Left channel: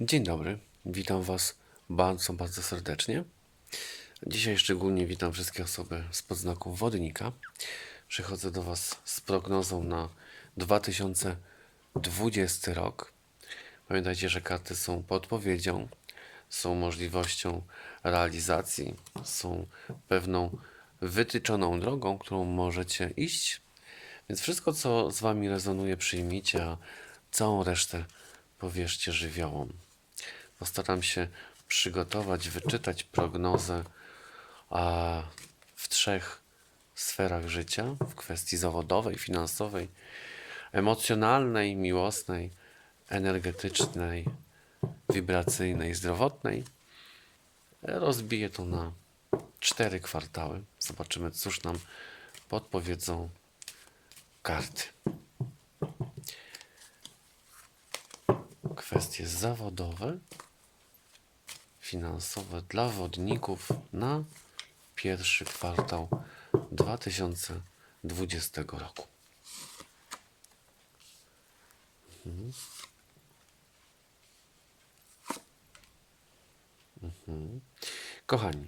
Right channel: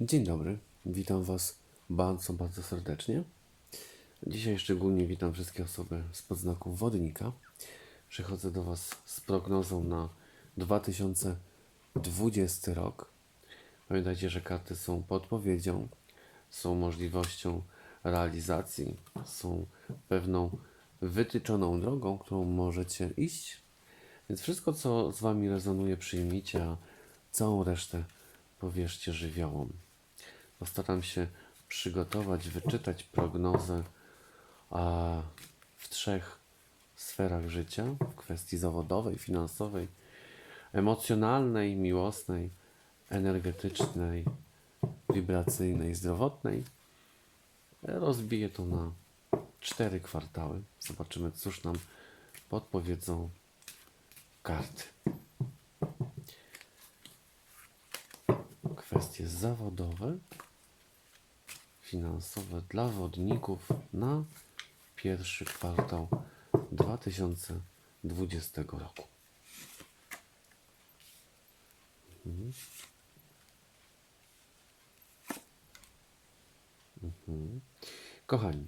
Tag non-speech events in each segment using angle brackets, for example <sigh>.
Dzień dobry, witam Was bardzo, bardzo serdecznie. Dzisiaj szczególnie witam wszystkie osoby z podznaku wodnika. Przychodzę do Was z prognozą na 2020 rok. Pamiętajcie, że karty są podpowiedzią, są możliwością realizacji, są pewną wytyczoną drogą, którą możecie iść. Więc wszystko, co z Wami rezonuje, przyjmijcie, a całą resztę powierzcie żywiołom. Postaram się przygotować, wyczytać prognozę w trzech sferach życia: w kwestii zawodowej, finansowej, emocjonalnej, miłosnej, energetycznej, wibracyjnej, zdrowotnej. Rozbiję to na cztery kwartały. Zobaczymy, cóż nam podpowiedzą karty. Kwestie zawodowe, finansowe dla wodników na pierwszy kwartał 2020 roku. Mhm. Mhm. Kochani,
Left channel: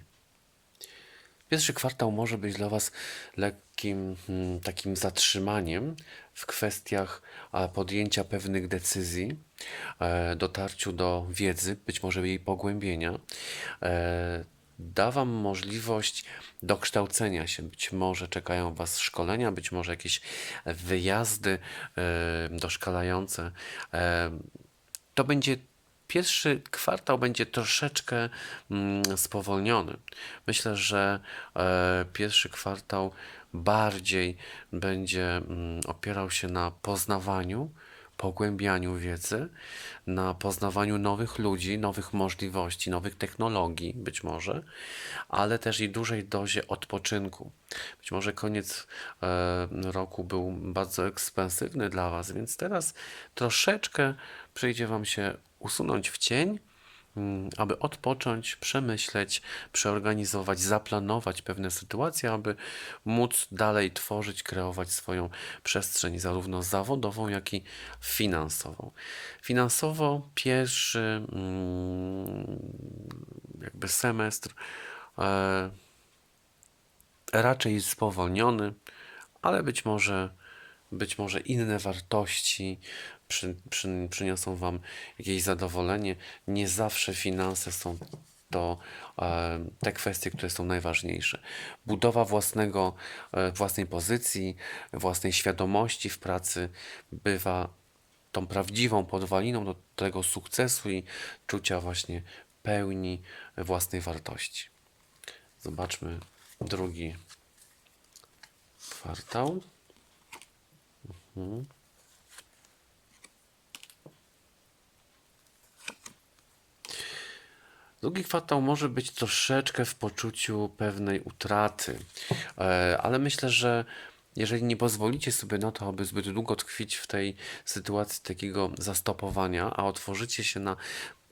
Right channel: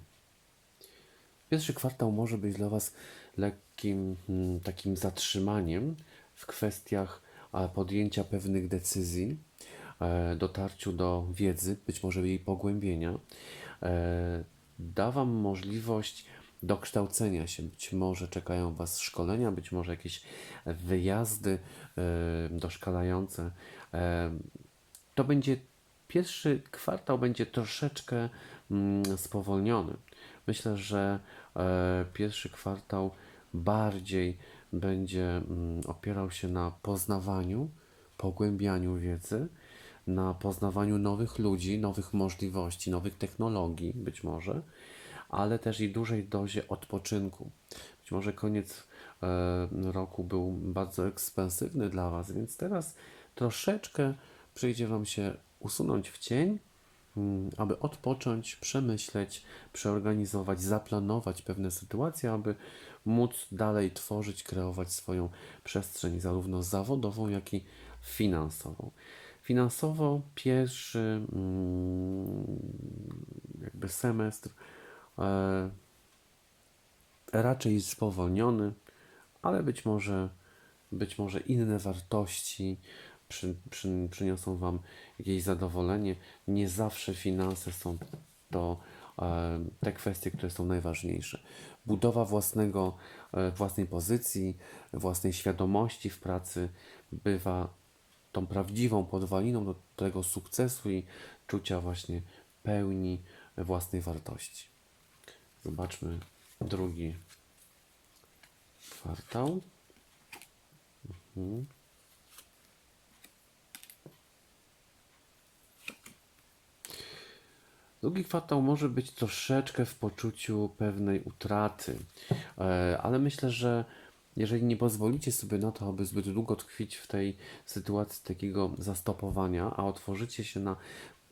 Pierwszy kwartał może być dla Was lekkim mm, takim zatrzymaniem w kwestiach podjęcia pewnych decyzji, dotarciu do wiedzy, być może jej pogłębienia. E, Da Wam możliwość dokształcenia się. Być może czekają Was szkolenia, być może jakieś wyjazdy e, doszkalające. E, To będzie pierwszy kwartał będzie troszeczkę mm, spowolniony. Myślę, że e, pierwszy kwartał bardziej będzie mm, opierał się na poznawaniu, pogłębianiu wiedzy, na poznawaniu nowych ludzi, nowych możliwości, nowych technologii, być może, ale też i dużej dozie odpoczynku. Być może koniec e, roku był bardzo ekspensywny dla Was, więc teraz troszeczkę przyjdzie Wam się usunąć w cień, aby odpocząć, przemyśleć, przeorganizować, zaplanować pewne sytuacje, aby móc dalej tworzyć, kreować swoją przestrzeń, zarówno zawodową, jak i finansową. Finansowo pierwszy mm, jakby semestr e, raczej spowolniony, ale być może, być może inne wartości przy, przy, przyniosą Wam jakieś zadowolenie. Nie zawsze finanse są to e, te kwestie, które są najważniejsze. Budowa własnego, e, własnej pozycji, własnej świadomości w pracy bywa tą prawdziwą podwaliną do tego sukcesu i czucia właśnie pełni własnej wartości. Zobaczmy drugi kwartał. Mhm. Drugi kwartał może być troszeczkę w poczuciu pewnej utraty, e, ale myślę, że jeżeli nie pozwolicie sobie na to, aby zbyt długo tkwić w tej sytuacji takiego zastopowania, a otworzycie się na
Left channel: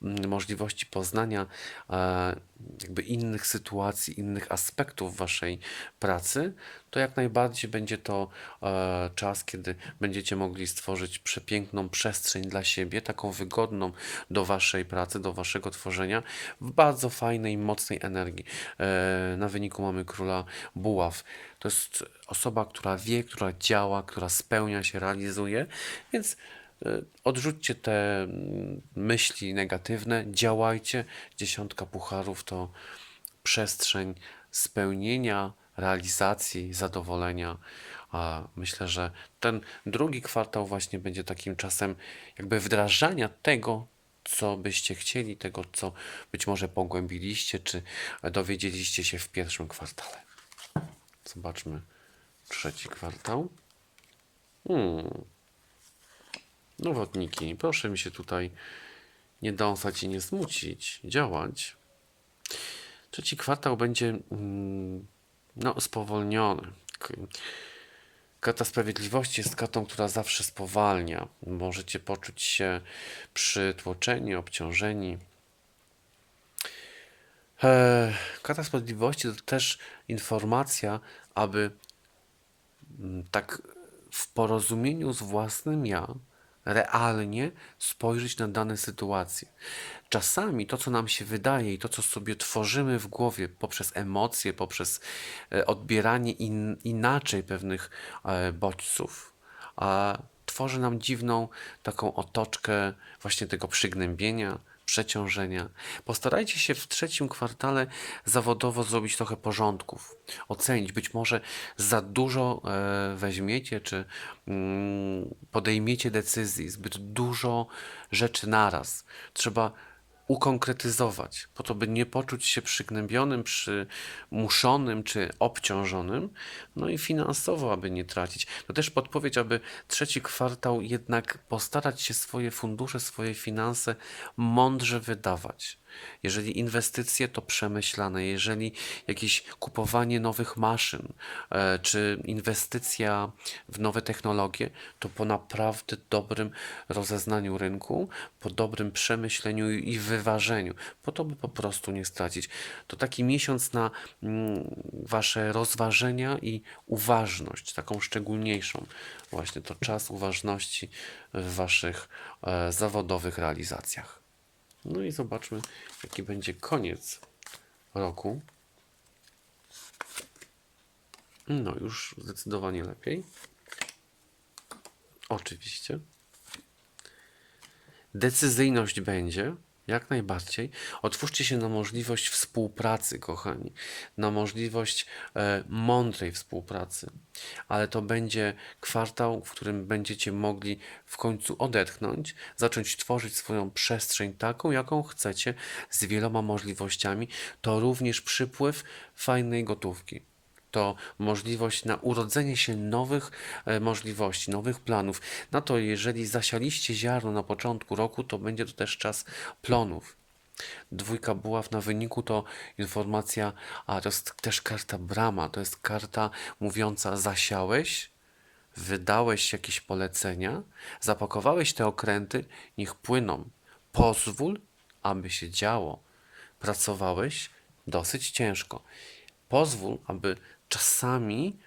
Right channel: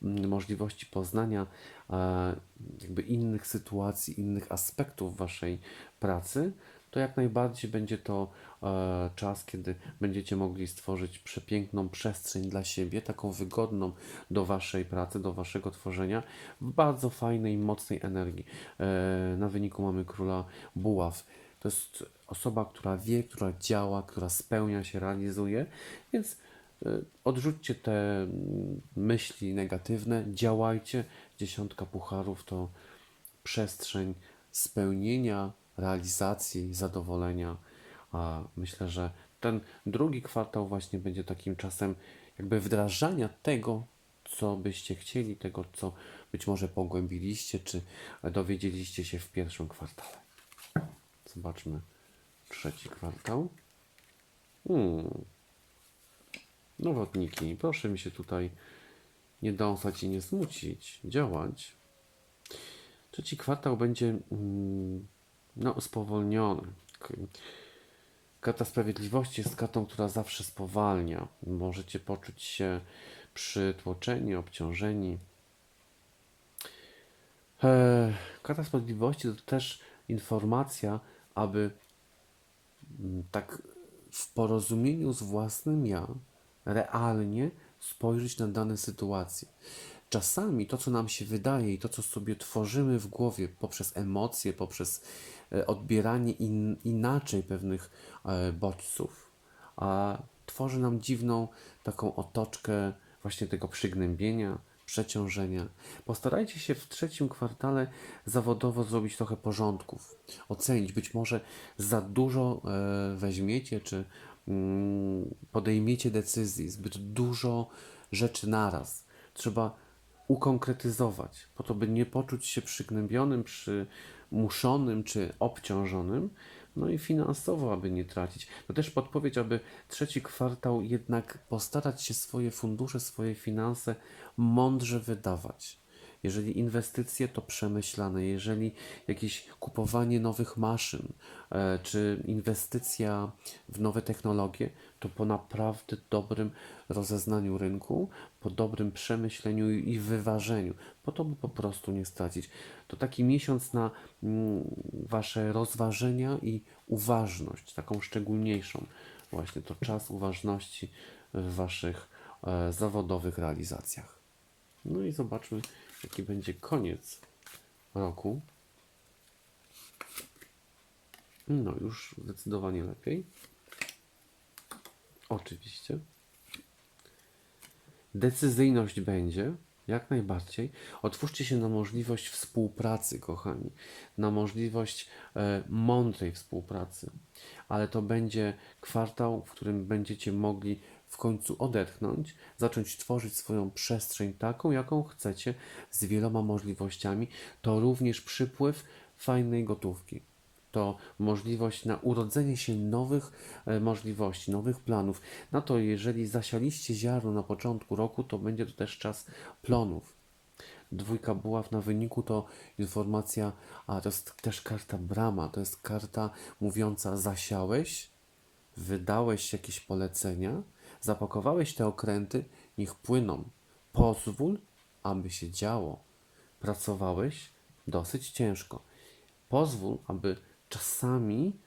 mm, możliwości poznania e, jakby innych sytuacji, innych aspektów waszej pracy, to jak najbardziej będzie to e, czas, kiedy będziecie mogli stworzyć przepiękną przestrzeń dla siebie, taką wygodną do waszej pracy, do waszego tworzenia, w bardzo fajnej, mocnej energii. E, na wyniku mamy króla buław. To jest osoba, która wie, która działa, która spełnia się, realizuje, więc e, odrzućcie te mm, myśli negatywne, działajcie. Dziesiątka pucharów to przestrzeń spełnienia, realizacji, zadowolenia. A myślę, że ten drugi kwartał właśnie będzie takim czasem jakby wdrażania tego, co byście chcieli, tego, co być może pogłębiliście, czy dowiedzieliście się w pierwszym kwartale. Zobaczmy trzeci kwartał. Hmm. Nowotniki, proszę mi się tutaj nie dąsać i nie smucić, działać. Trzeci kwartał będzie mm, no, spowolniony. K- Karta Sprawiedliwości jest kartą, która zawsze spowalnia. Możecie poczuć się przytłoczeni, obciążeni. Eee, Karta Sprawiedliwości to też informacja, aby mm, tak w porozumieniu z własnym ja realnie spojrzeć na dane sytuacje. Czasami to, co nam się wydaje i to, co sobie tworzymy w głowie poprzez emocje, poprzez e, odbieranie in, inaczej pewnych e, bodźców, tworzy nam dziwną taką otoczkę właśnie tego przygnębienia, przeciążenia. Postarajcie się w trzecim kwartale zawodowo zrobić trochę porządków, ocenić. Być może za dużo e, weźmiecie, czy mm, podejmiecie decyzji, zbyt dużo rzeczy naraz. Trzeba ukonkretyzować, po to, by nie poczuć się przygnębionym, przymuszonym czy obciążonym, no i finansowo, aby nie tracić. To też podpowiedź, aby trzeci kwartał jednak postarać się swoje fundusze, swoje finanse mądrze wydawać. Jeżeli inwestycje, to przemyślane. Jeżeli jakieś kupowanie nowych maszyn, e, czy inwestycja w nowe technologie, to po naprawdę dobrym rozeznaniu rynku, po dobrym przemyśleniu i wyważeniu, po to, by po prostu nie stracić. To taki miesiąc na mm, Wasze rozważenia i uważność, taką szczególniejszą. Właśnie to czas uważności w Waszych e, zawodowych realizacjach. No i zobaczmy, jaki będzie koniec roku. No, już zdecydowanie lepiej. Oczywiście. Decyzyjność będzie, jak najbardziej. Otwórzcie się na możliwość współpracy, kochani, na możliwość e, mądrej współpracy, ale to będzie kwartał, w którym będziecie mogli w końcu odetchnąć, zacząć tworzyć swoją przestrzeń taką, jaką chcecie, z wieloma możliwościami. To również przypływ fajnej gotówki to możliwość na urodzenie się nowych e, możliwości, nowych planów. Na to, jeżeli zasialiście ziarno na początku roku, to będzie to też czas plonów. Dwójka buław na wyniku to informacja, a to jest też karta brama, to jest karta mówiąca zasiałeś, wydałeś jakieś polecenia, zapakowałeś te okręty, niech płyną. Pozwól, aby się działo. Pracowałeś dosyć ciężko. Pozwól, aby czasami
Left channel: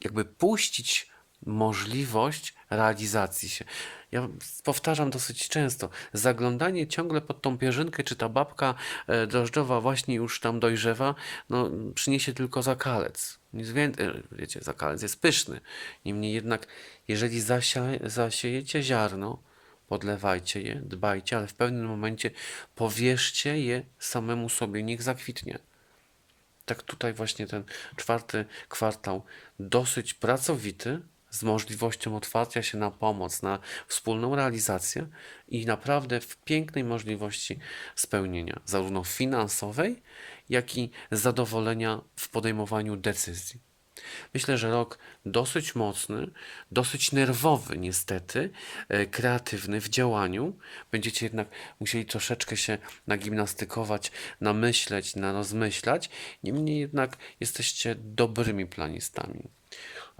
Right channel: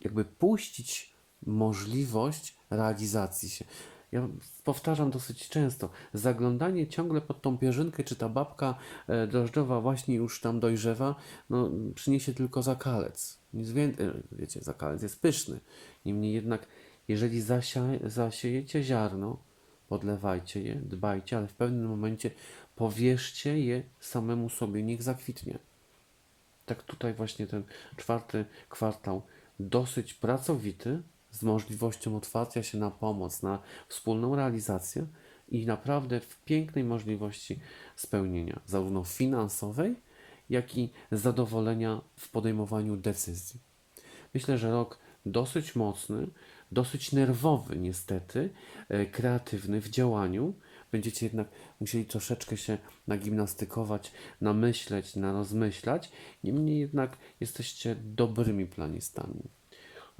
jakby puścić możliwość realizacji się. Ja powtarzam dosyć często, zaglądanie ciągle pod tą pierzynkę, czy ta babka e, drożdżowa właśnie już tam dojrzewa, no, przyniesie tylko zakalec. Nic więcej, wiecie, zakalec jest pyszny. Niemniej jednak, jeżeli zasia, zasiejecie ziarno, podlewajcie je, dbajcie, ale w pewnym momencie powierzcie je samemu sobie, niech zakwitnie tak tutaj właśnie ten czwarty kwartał dosyć pracowity, z możliwością otwarcia się na pomoc, na wspólną realizację i naprawdę w pięknej możliwości spełnienia, zarówno finansowej, jak i zadowolenia w podejmowaniu decyzji. Myślę, że rok dosyć mocny, dosyć nerwowy niestety, e, kreatywny w działaniu. Będziecie jednak musieli troszeczkę się nagimnastykować, namyśleć, narozmyślać. Niemniej jednak jesteście dobrymi planistami.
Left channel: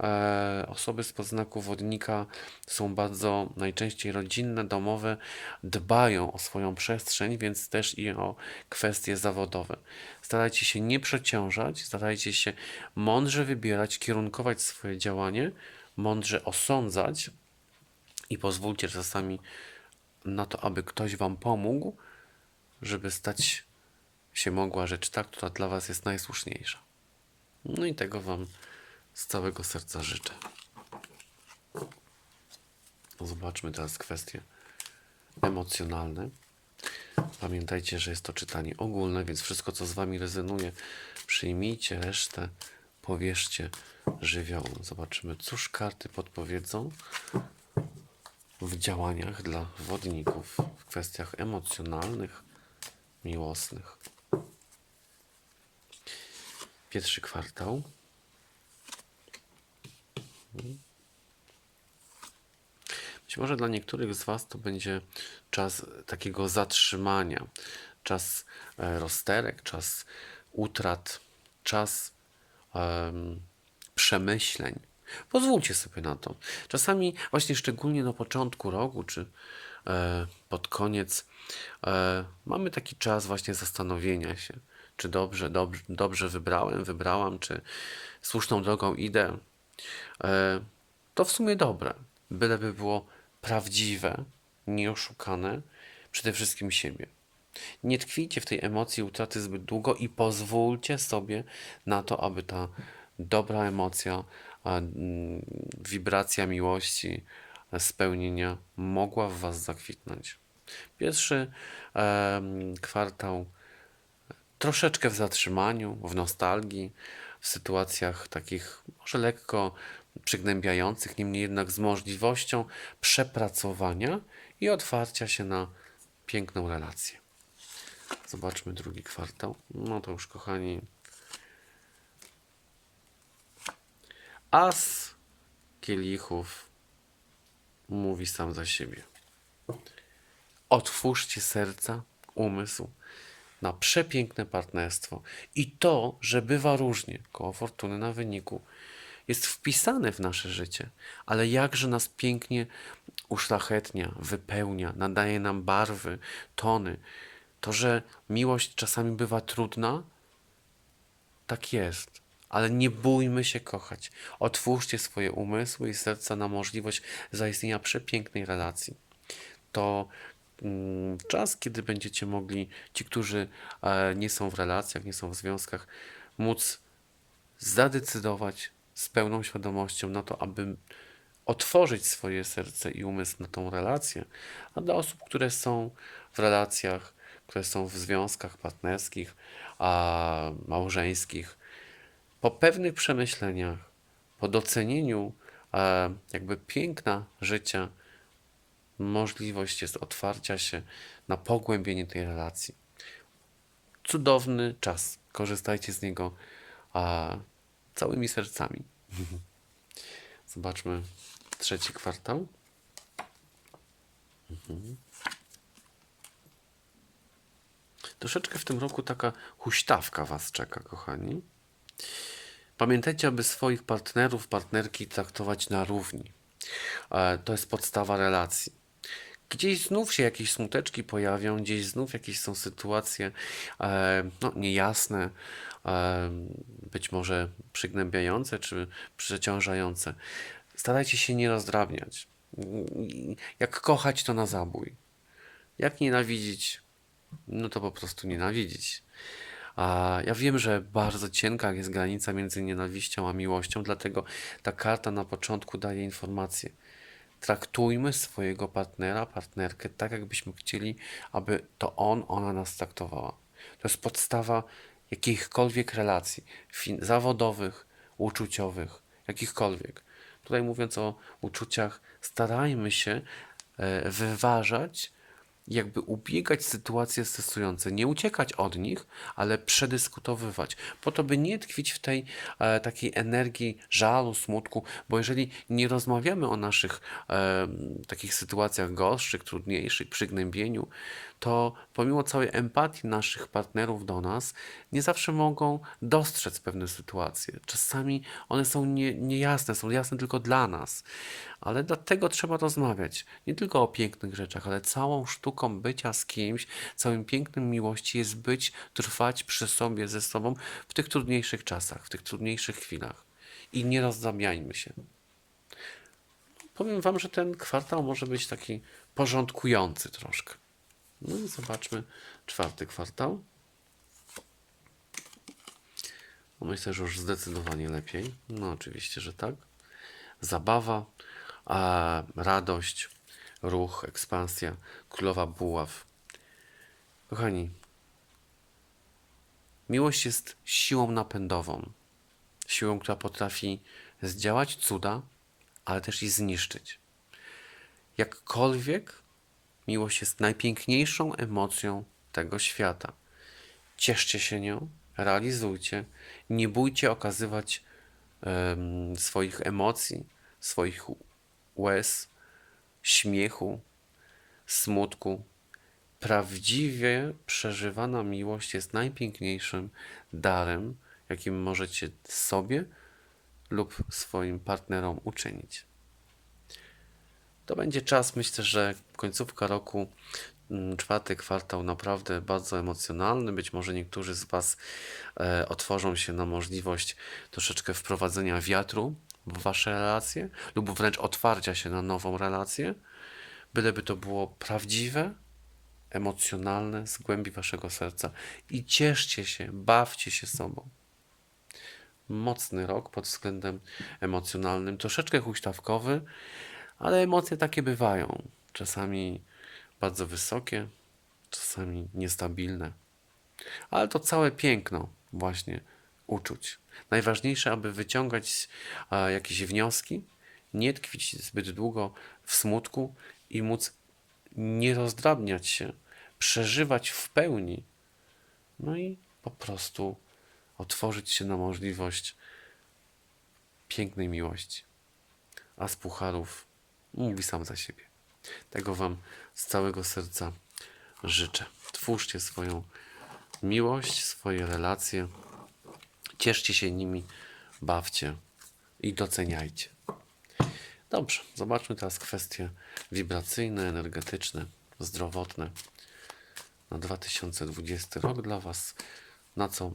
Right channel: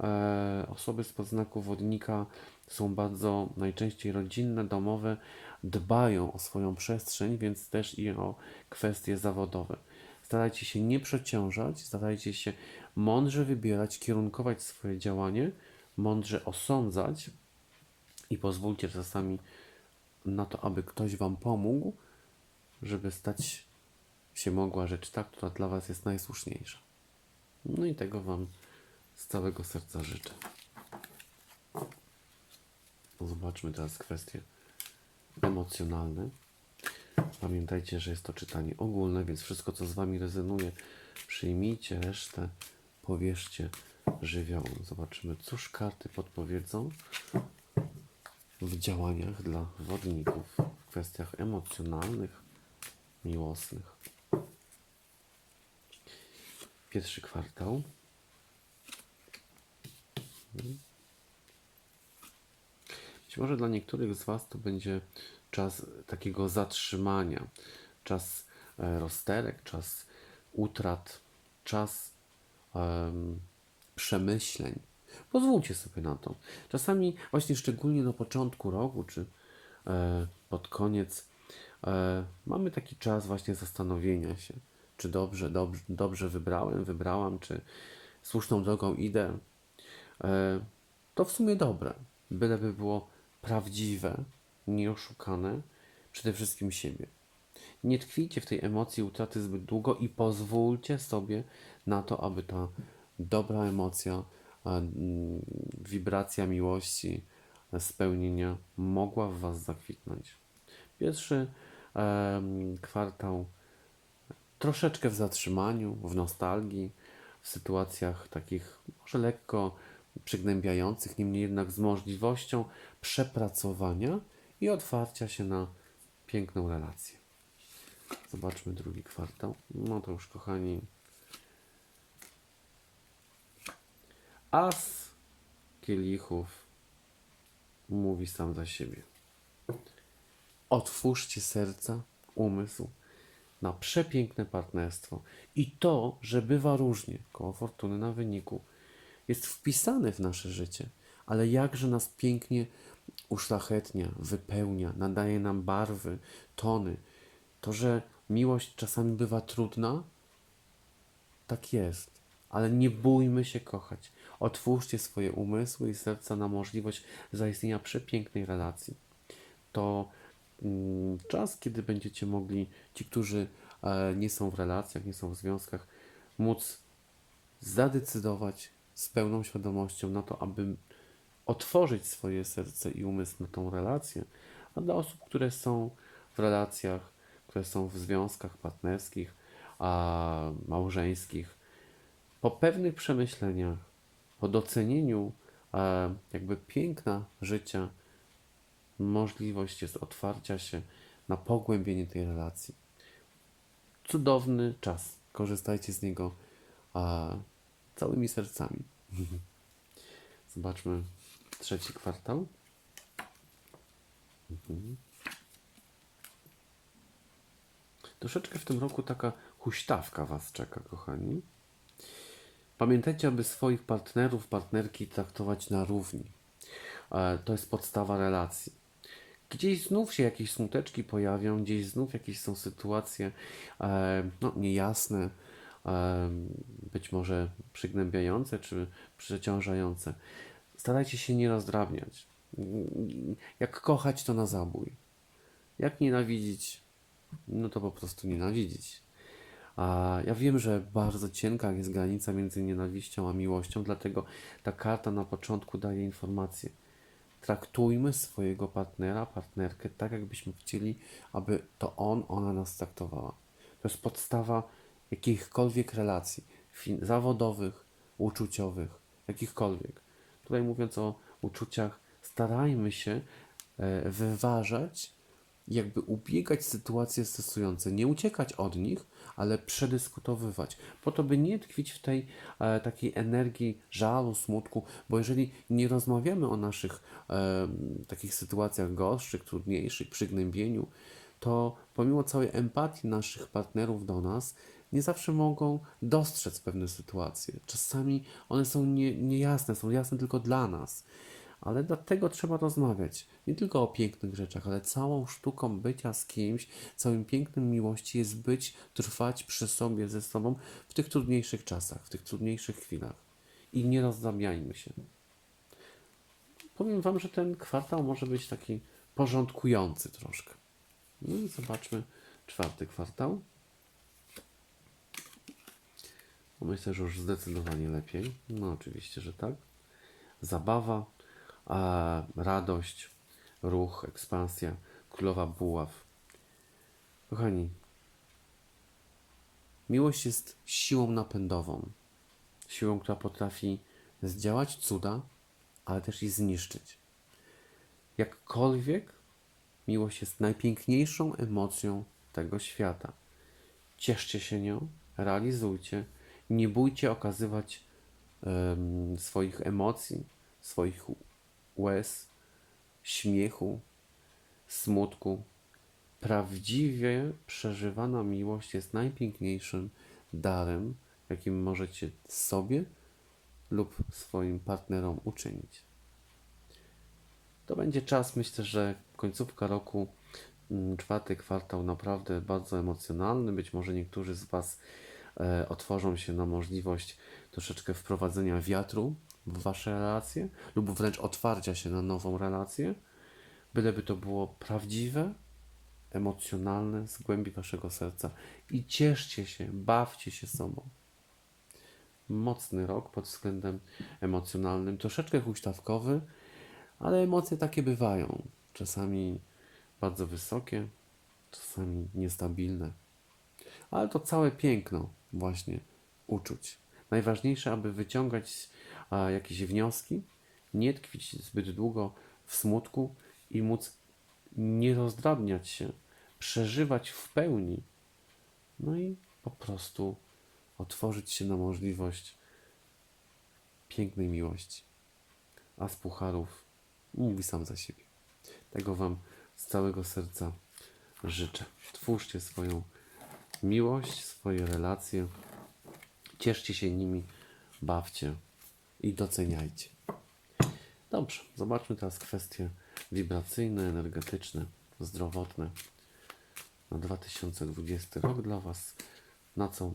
E, osoby z podznaku wodnika są bardzo najczęściej rodzinne, domowe, dbają o swoją przestrzeń, więc też i o kwestie zawodowe. Starajcie się nie przeciążać, starajcie się mądrze wybierać, kierunkować swoje działanie, mądrze osądzać i pozwólcie czasami na to, aby ktoś Wam pomógł, żeby stać się mogła rzecz ta, która dla Was jest najsłuszniejsza. No i tego Wam z całego serca życzę. Zobaczmy teraz kwestie emocjonalne. Pamiętajcie, że jest to czytanie ogólne, więc wszystko, co z Wami rezonuje, przyjmijcie, resztę powierzcie żywiołom. Zobaczymy, cóż karty podpowiedzą w działaniach dla wodników, w kwestiach emocjonalnych, miłosnych. Pierwszy kwartał. Być może dla niektórych z Was to będzie czas takiego zatrzymania, czas e, rozterek, czas utrat, czas um, przemyśleń. Pozwólcie sobie na to. Czasami, właśnie szczególnie na początku roku, czy e, pod koniec, e, mamy taki czas właśnie zastanowienia się, czy dobrze, dobrze, dobrze wybrałem, wybrałam, czy słuszną drogą idę. E, to w sumie dobre byleby było prawdziwe, nieoszukane, przede wszystkim siebie. Nie tkwijcie w tej emocji utraty zbyt długo i pozwólcie sobie na to, aby ta dobra emocja, wibracja miłości, e, spełnienia mogła w Was zakwitnąć. Pierwszy kwartał troszeczkę w zatrzymaniu, w nostalgii, w sytuacjach takich może lekko przygnębiających, niemniej jednak z możliwością przepracowania i otwarcia się na piękną relację. Zobaczmy drugi kwartał. No to już, kochani. As kielichów mówi sam za siebie. Otwórzcie serca, umysł na przepiękne partnerstwo. I to, że bywa różnie, koło fortuny na wyniku, jest wpisane w nasze życie, ale jakże nas pięknie uszlachetnia, wypełnia, nadaje nam barwy, tony. To, że miłość czasami bywa trudna, tak jest. Ale nie bójmy się kochać. Otwórzcie swoje umysły i serca na możliwość zaistnienia przepięknej relacji. To czas, kiedy będziecie mogli, ci, którzy e, nie są w relacjach, nie są w związkach, móc zadecydować z pełną świadomością na to, aby otworzyć swoje serce i umysł na tą relację. A dla osób, które są w relacjach, które są w związkach partnerskich, a małżeńskich, po pewnych przemyśleniach, po docenieniu e, jakby piękna życia, możliwość jest otwarcia się na pogłębienie tej relacji. Cudowny czas. Korzystajcie z niego a, całymi sercami. <laughs> Zobaczmy trzeci kwartał. Mhm. Troszeczkę w tym roku taka huśtawka Was czeka, kochani. Pamiętajcie, aby swoich partnerów, partnerki traktować na równi. E, To jest podstawa relacji. Gdzieś znów się jakieś smuteczki pojawią, gdzieś znów jakieś są sytuacje e, no, niejasne, e, być może przygnębiające czy przeciążające. Starajcie się nie rozdrabniać. Jak kochać, to na zabój. Jak nienawidzić, no to po prostu nienawidzić. A ja wiem, że bardzo cienka jest granica między nienawiścią a miłością, dlatego ta karta na początku daje informację. Traktujmy swojego partnera, partnerkę tak, jakbyśmy chcieli, aby to on, ona nas traktowała. To jest podstawa jakichkolwiek relacji zawodowych, uczuciowych, jakichkolwiek. Tutaj mówiąc o uczuciach, starajmy się e, wyważać jakby ubiegać sytuacje stresujące, nie uciekać od nich, ale przedyskutowywać, po to, by nie tkwić w tej e, takiej energii żalu, smutku, bo jeżeli nie rozmawiamy o naszych e, takich sytuacjach gorszych, trudniejszych, przygnębieniu, to pomimo całej empatii naszych partnerów do nas, nie zawsze mogą dostrzec pewne sytuacje. Czasami one są nie, niejasne, są jasne tylko dla nas. Ale dlatego trzeba rozmawiać nie tylko o pięknych rzeczach, ale całą sztuką bycia z kimś, całym pięknym miłości jest być, trwać przy sobie, ze sobą w tych trudniejszych czasach, w tych trudniejszych chwilach. I nie rozdrabiajmy się. Powiem Wam, że ten kwartał może być taki porządkujący troszkę. No i zobaczmy czwarty kwartał. No Myślę, że już zdecydowanie lepiej. No oczywiście, że tak. Zabawa, a radość, ruch, ekspansja, królowa buław. Kochani, miłość jest siłą napędową. Siłą, która potrafi zdziałać cuda, ale też i zniszczyć. Jakkolwiek miłość jest najpiękniejszą emocją tego świata. Cieszcie się nią, realizujcie, nie bójcie okazywać em, swoich emocji, swoich łez, śmiechu, smutku. Prawdziwie przeżywana miłość jest najpiękniejszym darem, jakim możecie sobie lub swoim partnerom uczynić. To będzie czas, myślę, że końcówka roku, mm, czwarty kwartał naprawdę bardzo emocjonalny. Być może niektórzy z Was e, otworzą się na możliwość troszeczkę wprowadzenia wiatru w wasze relacje lub wręcz otwarcia się na nową relację, byleby to było prawdziwe, emocjonalne z głębi waszego serca i cieszcie się, bawcie się sobą. Mocny rok pod względem emocjonalnym, troszeczkę huśtawkowy, ale emocje takie bywają. Czasami bardzo wysokie, czasami niestabilne. Ale to całe piękno właśnie uczuć. Najważniejsze, aby wyciągać e, jakieś wnioski, nie tkwić zbyt długo w smutku i móc nie rozdrabniać się, przeżywać w pełni, no i po prostu otworzyć się na możliwość pięknej miłości. A z pucharów mówi sam za siebie. Tego Wam z całego serca życzę. Twórzcie swoją miłość, swoje relacje, cieszcie się nimi, bawcie i doceniajcie. Dobrze, zobaczmy teraz kwestie wibracyjne, energetyczne, zdrowotne na 2020 rok dla Was. Na co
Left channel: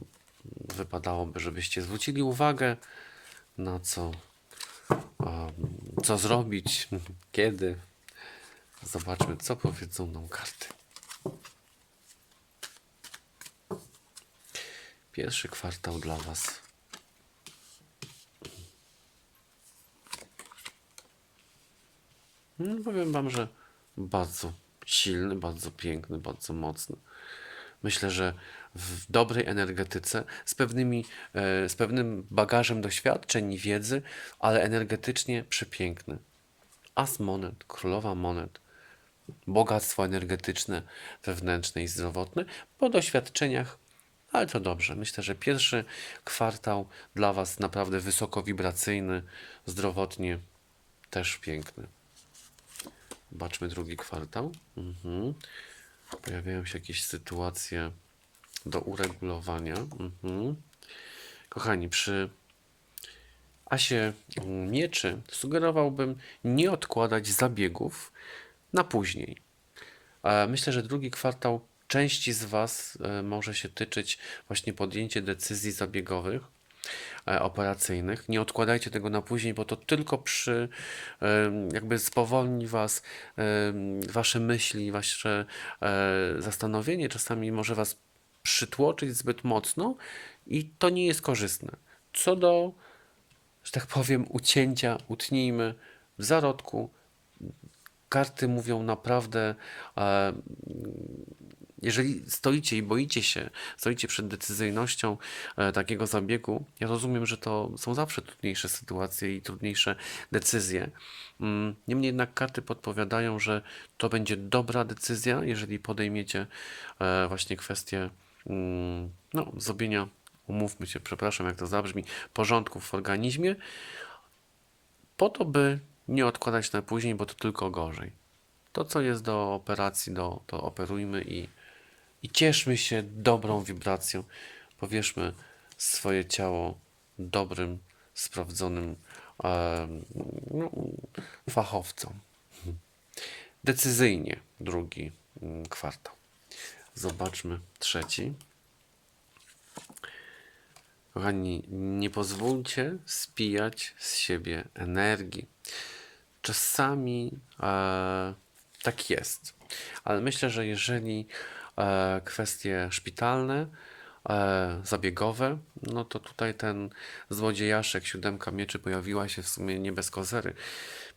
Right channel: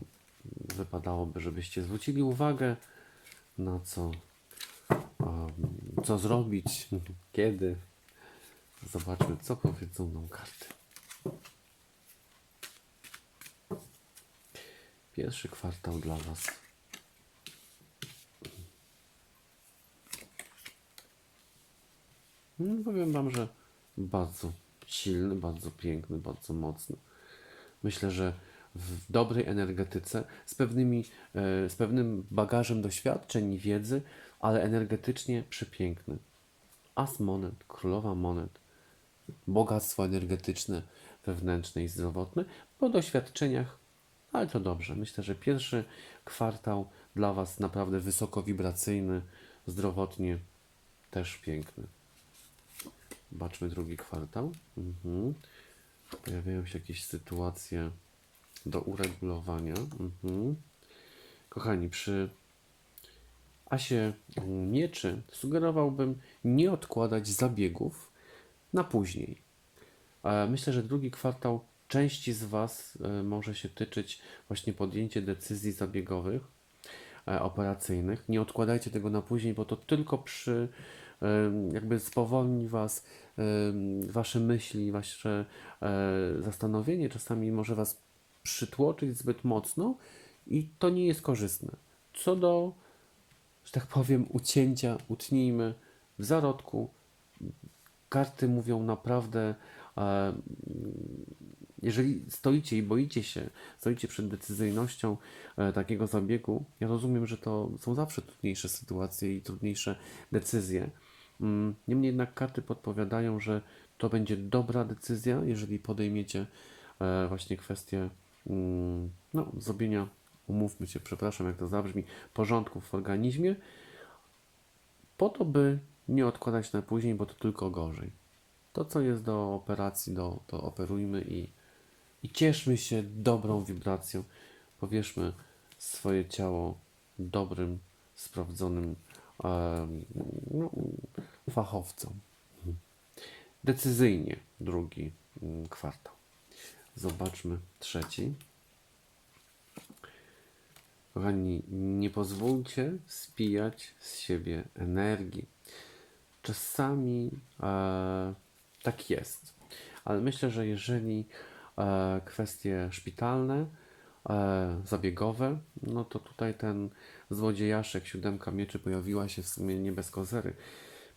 wypadałoby, żebyście zwrócili uwagę, na co, co zrobić, <laughs> kiedy. Zobaczmy, co powiedzą nam karty. Pierwszy kwartał dla Was. No, powiem Wam, że bardzo silny, bardzo piękny, bardzo mocny. Myślę, że w dobrej energetyce, z, pewnymi, e, z pewnym bagażem doświadczeń i wiedzy, ale energetycznie przepiękny. As monet, królowa monet, bogactwo energetyczne, wewnętrzne i zdrowotne, po doświadczeniach, ale to dobrze. Myślę, że pierwszy kwartał dla Was naprawdę wysoko wibracyjny, zdrowotnie też piękny. Zobaczmy drugi kwartał. Mhm. Pojawiają się jakieś sytuacje do uregulowania. Mhm. Kochani, przy asie mieczy sugerowałbym nie odkładać zabiegów na później. E, Myślę, że drugi kwartał części z Was e, może się tyczyć właśnie podjęcie decyzji zabiegowych, e, operacyjnych. Nie odkładajcie tego na później, bo to tylko przy em, jakby spowolni Was, Wasze myśli, Wasze e, zastanowienie czasami może Was przytłoczyć zbyt mocno i to nie jest korzystne. Co do, że tak powiem, ucięcia, utnijmy w zarodku. Karty mówią naprawdę, e, jeżeli stoicie i boicie się, stoicie przed decyzyjnością e, takiego zabiegu, ja rozumiem, że to są zawsze trudniejsze sytuacje i trudniejsze decyzje. Mm, Niemniej jednak karty podpowiadają, że to będzie dobra decyzja, jeżeli podejmiecie e, właśnie kwestię mm, no, zrobienia, umówmy się, przepraszam, jak to zabrzmi, porządków w organizmie, po to, by nie odkładać na później, bo to tylko gorzej. To, co jest do operacji, do, to operujmy i, i cieszmy się dobrą wibracją. Powierzmy swoje ciało dobrym, sprawdzonym no, fachowcom. Decyzyjnie drugi mm, kwartał. Zobaczmy trzeci. Kochani, nie pozwólcie spijać z siebie energii. Czasami e, tak jest, ale myślę, że jeżeli e, kwestie szpitalne, e, zabiegowe, no to tutaj ten złodziejaszek, siódemka mieczy pojawiła się w sumie nie bez kozery.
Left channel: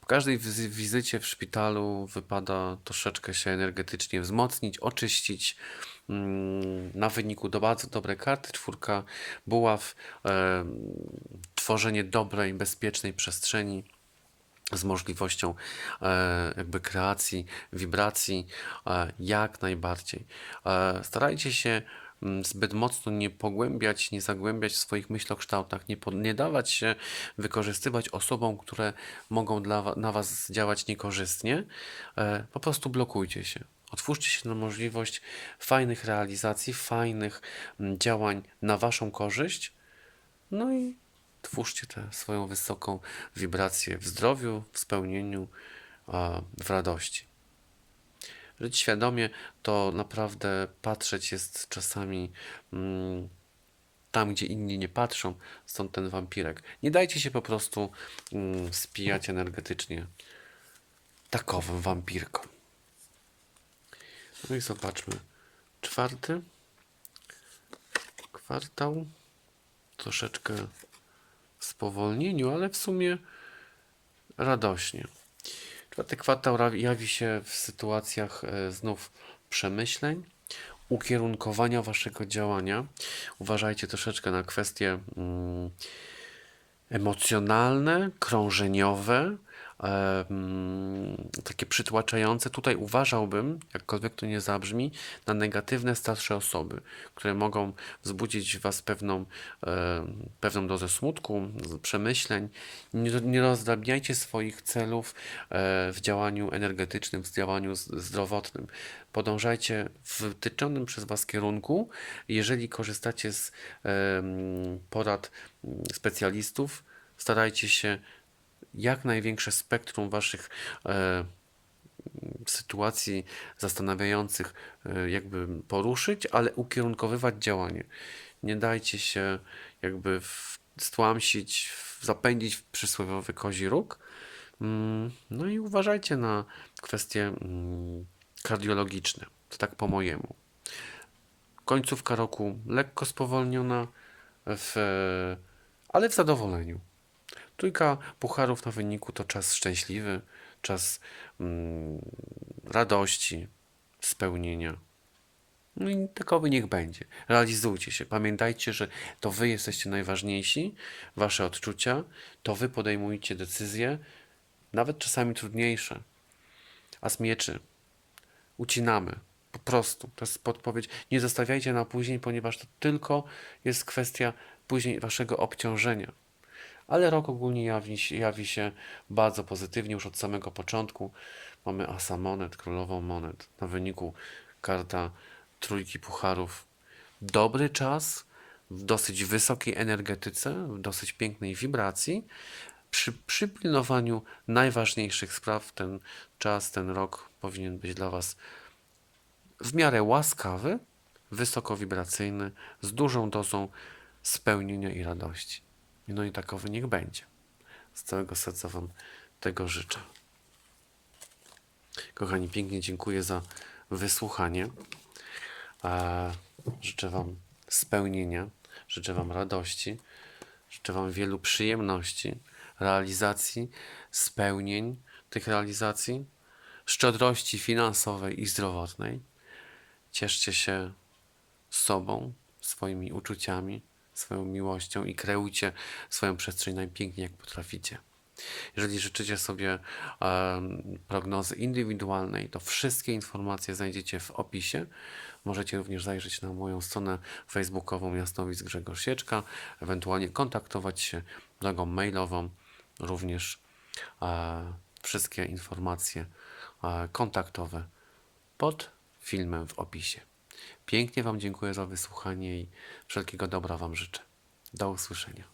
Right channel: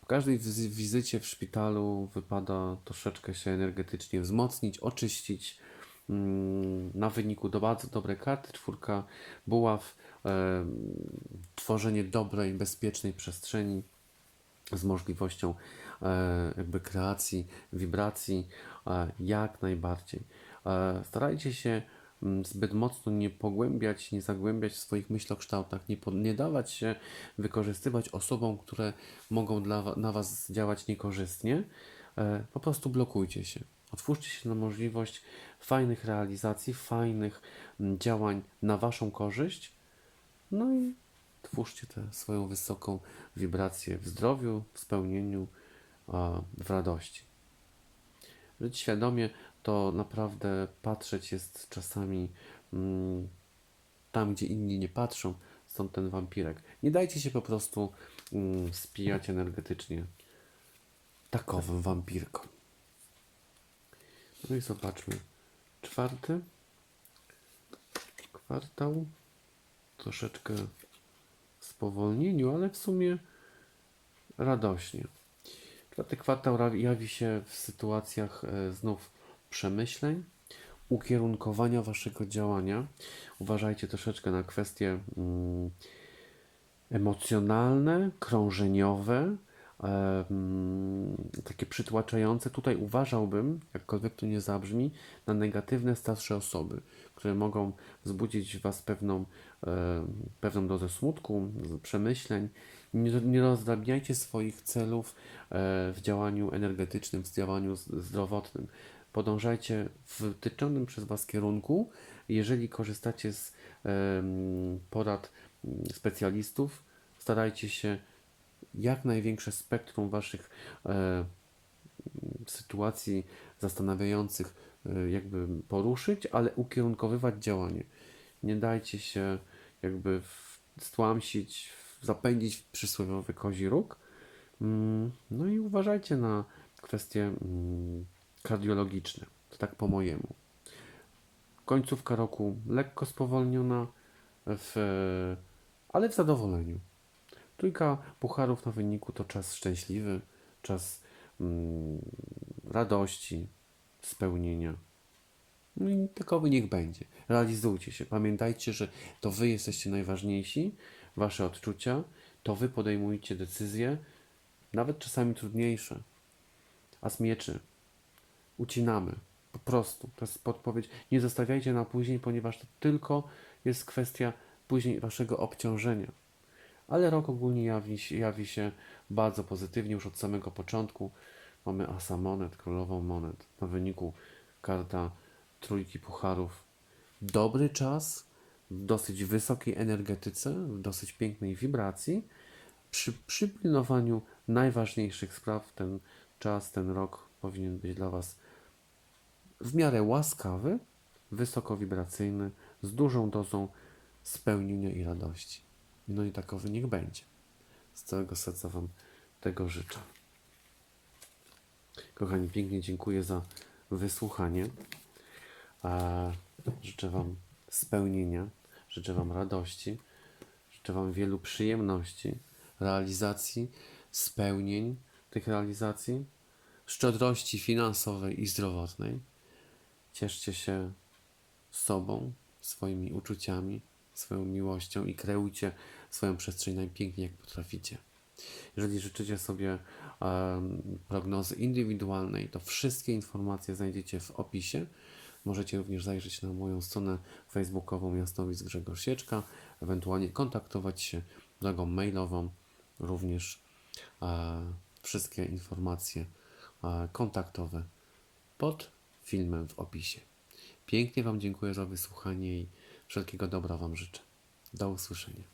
Po każdej wizy- wizycie w szpitalu wypada troszeczkę się energetycznie wzmocnić, oczyścić. Mm, Na wyniku do bardzo dobre karty, czwórka buław, e, tworzenie dobrej, bezpiecznej przestrzeni z możliwością e, jakby kreacji, wibracji, e, jak najbardziej. E, starajcie się mm, zbyt mocno nie pogłębiać, nie zagłębiać w swoich myślokształtach, nie, po, nie dawać się wykorzystywać osobom, które mogą dla, na Was działać niekorzystnie. Po prostu blokujcie się. Otwórzcie się na możliwość fajnych realizacji, fajnych mm, działań na Waszą korzyść. No i twórzcie tę swoją wysoką wibrację w zdrowiu, w spełnieniu, w radości. Żyć świadomie to naprawdę patrzeć jest czasami mm, tam, gdzie inni nie patrzą, stąd ten wampirek. Nie dajcie się po prostu mm, spijać energetycznie takowym wampirkom. No i zobaczmy. Czwarty kwartał. Troszeczkę spowolnieniu, ale w sumie radośnie. Czwarty kwartał jawi się w sytuacjach e, znów przemyśleń, ukierunkowania waszego działania. Uważajcie troszeczkę na kwestie mm, emocjonalne, krążeniowe, takie przytłaczające. Tutaj uważałbym, jakkolwiek to nie zabrzmi, na negatywne starsze osoby, które mogą wzbudzić w Was pewną, pewną dozę smutku, przemyśleń. Nie, nie rozdrabniajcie swoich celów e, w działaniu energetycznym, w działaniu zdrowotnym. Podążajcie w wytyczonym przez Was kierunku. Jeżeli korzystacie z porad mm, specjalistów, starajcie się jak największe spektrum Waszych e, sytuacji zastanawiających e, jakby poruszyć, ale ukierunkowywać działanie. Nie dajcie się jakby stłamsić, zapędzić w przysłowiowy kozi róg. Mm, No i uważajcie na kwestie mm, kardiologiczne. To tak po mojemu. Końcówka roku lekko spowolniona, w, ale w zadowoleniu. Trójka pucharów na wyniku to czas szczęśliwy, czas mm, radości, spełnienia. No i takowy niech będzie. Realizujcie się. Pamiętajcie, że to wy jesteście najważniejsi, wasze odczucia, to wy podejmujecie decyzje, nawet czasami trudniejsze. A z mieczy ucinamy. Po prostu. To jest podpowiedź. Nie zostawiajcie na później, ponieważ to tylko jest kwestia później waszego obciążenia. Ale rok ogólnie jawi, jawi się bardzo pozytywnie już od samego początku. Mamy asa monet, królową monet. Na wyniku karta trójki pucharów. Dobry czas w dosyć wysokiej energetyce, w dosyć pięknej wibracji. Przy przypilnowaniu najważniejszych spraw ten czas, ten rok powinien być dla Was w miarę łaskawy, wysokowibracyjny, z dużą dozą spełnienia i radości. No i takowy niech będzie. Z całego serca Wam tego życzę. Kochani, pięknie dziękuję za wysłuchanie. E, Życzę Wam spełnienia, życzę Wam radości, życzę Wam wielu przyjemności, realizacji, spełnień tych realizacji, szczodrości finansowej i zdrowotnej. Cieszcie się sobą, swoimi uczuciami, swoją miłością i kreujcie swoją przestrzeń najpiękniej, jak potraficie. Jeżeli życzycie sobie em, prognozy indywidualnej, to wszystkie informacje znajdziecie w opisie. Możecie również zajrzeć na moją stronę facebookową Jasnowic Grzegorz Sieczka, ewentualnie kontaktować się drogą mailową. Również e, wszystkie informacje e, kontaktowe pod filmem w opisie. Pięknie Wam dziękuję za wysłuchanie i wszelkiego dobra Wam życzę. Do usłyszenia.